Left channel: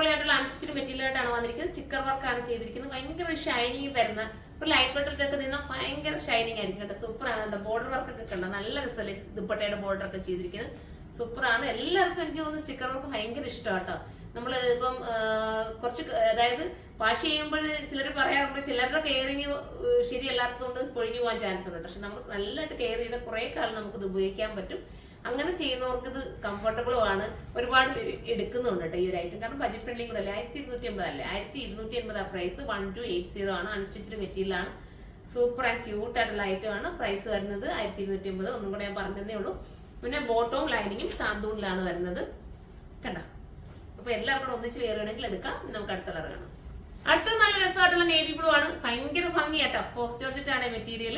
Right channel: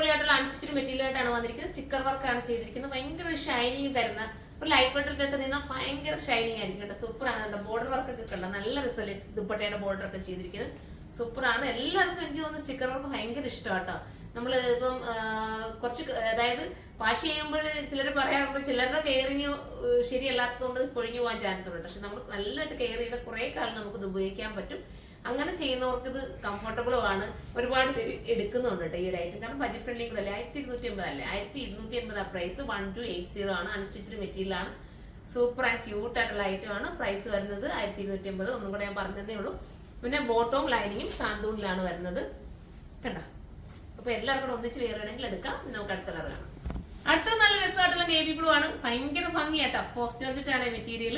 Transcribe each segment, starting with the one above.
അടിപൊളിയായിട്ടുള്ള unstitched material ആയിട്ടാണ് വന്നിരിക്കുന്നത്. സ്റ്റിക്കർ വർക്കാണ് ചെയ്തിരിക്കുന്നത്. ഭയങ്കര ഷൈനിങ് തരുന്ന ഒരു ലൈറ്റ് വെയിറ്റിലൊക്കെ നിന്നാൽ ഭയങ്കര ഷൈനിങ് ആയിരിക്കും കേട്ടോ. സൂപ്പറാണ് കേട്ടോ. ബോർഡർ വർക്കൊക്കെ കണ്ടോ, നല്ല രസമല്ലേ ദുപ്പട്ടയുടെ ബോർഡർ ഒക്കെ ചെയ്തിരിക്കുന്നത്. സൂപ്പറാണ്. എല്ലാവർക്കും എനിക്ക് തോന്നുന്നു സ്റ്റിക്കർ വർക്ക് ഭയങ്കര ഇഷ്ടമാണ് കേട്ടോ. നമ്മൾ ഇപ്പം കുറച്ച് അതായത് വാഷ് ചെയ്യുമ്പോൾ ചിലർ പറയാറുണ്ട് ചിലരുടെ കെയറിങ് ശരിയല്ലാത്തതുകൊണ്ട് പൊഴിഞ്ഞു പോകാൻ ചാൻസ് ഉണ്ട്. പക്ഷെ നമ്മൾ നല്ലതായിട്ട് കെയർ ചെയ്ത കുറെ കാലം നമുക്കിത് ഉപയോഗിക്കാൻ പറ്റും. അങ്ങനെ ചെയ്യുന്നവർക്ക് ഇത് കംഫർട്ടബിളും ആണ്. ഒരുപാട് പേര് എടുക്കുന്നുണ്ട് കേട്ടോ ഈ ഒരു ഐറ്റം. കാരണം ബഡ്ജറ്റ് ഫ്രണ്ട്ലി കൂടെ അല്ലേ. 1250 അല്ലേ. 1280 പ്രൈസ്. 1280 ആണ്. അൺസ്റ്റിച്ച്ഡ് മെറ്റീരിയൽ ആണ്. സൂപ്പർ ആൻഡ് ക്യൂട്ട് ആയിട്ടുള്ള ഐറ്റം ആണ്. പ്രൈസ് വരുന്നത് 1280. ഒന്നും കൂടെ ഞാൻ പറഞ്ഞതേ ഉള്ളൂ. പിന്നെ ബോട്ടവും ലൈനിങ്ങും സാന്തൂണിലാണ് വരുന്നത് കണ്ടോ. അപ്പൊ എല്ലാവർക്കും ഒന്നിച്ച് വേറുകയാണെങ്കിൽ എടുക്കാം. നമുക്ക് അടുത്ത കളർ കാണാം. അടുത്തത് നല്ല രസമായിട്ടുള്ള നേവി ബ്ലൂ ആണ്. ഭയങ്കര ഭംഗിയാട്ടോ. ഫോസ്റ്റ് ജോർജറ്റ് ആണ് മെറ്റീരിയൽ.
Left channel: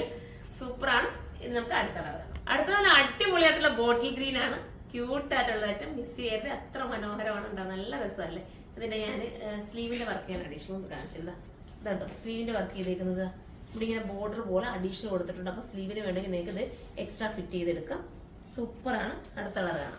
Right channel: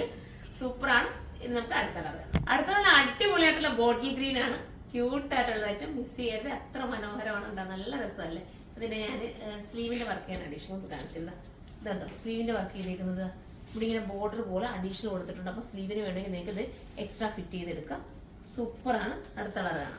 സൂപ്പറാണ്. ഇനി നമുക്ക് അടുത്ത കളർ കാണാം. അടുത്ത നല്ല അടിപൊളിയായിട്ടുള്ള ബോട്ടിൽ ഗ്രീൻ ആണ്. ക്യൂട്ട് ആയിട്ടുള്ള ഐറ്റം. മിസ് ചെയ്യരുത്. അത്ര മനോഹരമാണ് ഉണ്ടാ. നല്ല രസമല്ലേ. അതിനെ ഞാൻ സ്ലീവിന്റെ വർക്ക് ചെയ്യാൻ അഡീഷണൽ ഒന്ന് കാണിച്ചത് ഇതുണ്ടോ. സ്ലീവിന്റെ വർക്ക് ചെയ്തേക്കുന്നത് ഇവിടെ ഇങ്ങനെ ബോർഡർ പോലെ അഡീഷണൽ കൊടുത്തിട്ടുണ്ട്. അപ്പൊ സ്ലീവിന് വേണമെങ്കിൽ നിങ്ങൾക്ക് ഇത് എക്സ്ട്രാ ഫിറ്റ് ചെയ്തെടുക്കാം. സൂപ്പറാണ്. അടുത്ത കളർ കാണാം.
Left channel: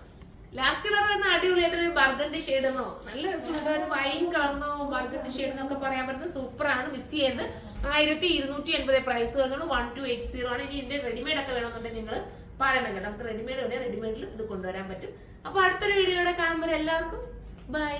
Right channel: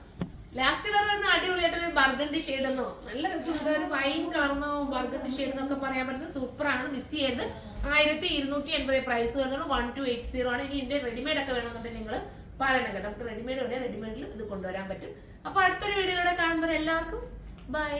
ലാസ്റ്റ് കളർ വരുന്ന അടിപൊളിയായിട്ടൊരു ബർഗണ്ടി ഷെയ്ഡ് എന്നോ നല്ല രസമുള്ള ഒരു വൈൻ കളർന്നോ ബർഗണ്ടി ഷെയ്ഡ് എന്നൊക്കെ പറയാൻ പറ്റുന്ന സൂപ്പറാണ്. മിസ് ചെയ്ത് 1280 പ്രൈസ് വരുന്നത്. 1280 ആണ്. ഇനി ഇതിന്റെ റെഡിമെയ്ഡ് ഒക്കെ വേണമെന്നുണ്ടെങ്കിൽ നിങ്ങൾ പറയണം കേട്ടോ. നമുക്ക് റെഡിമെയ്ഡ് ഉണ്ട്. റെഡിമെയ്ഡിൽ ഇത് കൊണ്ടുവരാൻ പറ്റും. അപ്പൊ അടുത്തൊരു വീഡിയോയിലൂടെ കാണുമ്പോൾ എല്ലാവർക്കും ബൈ.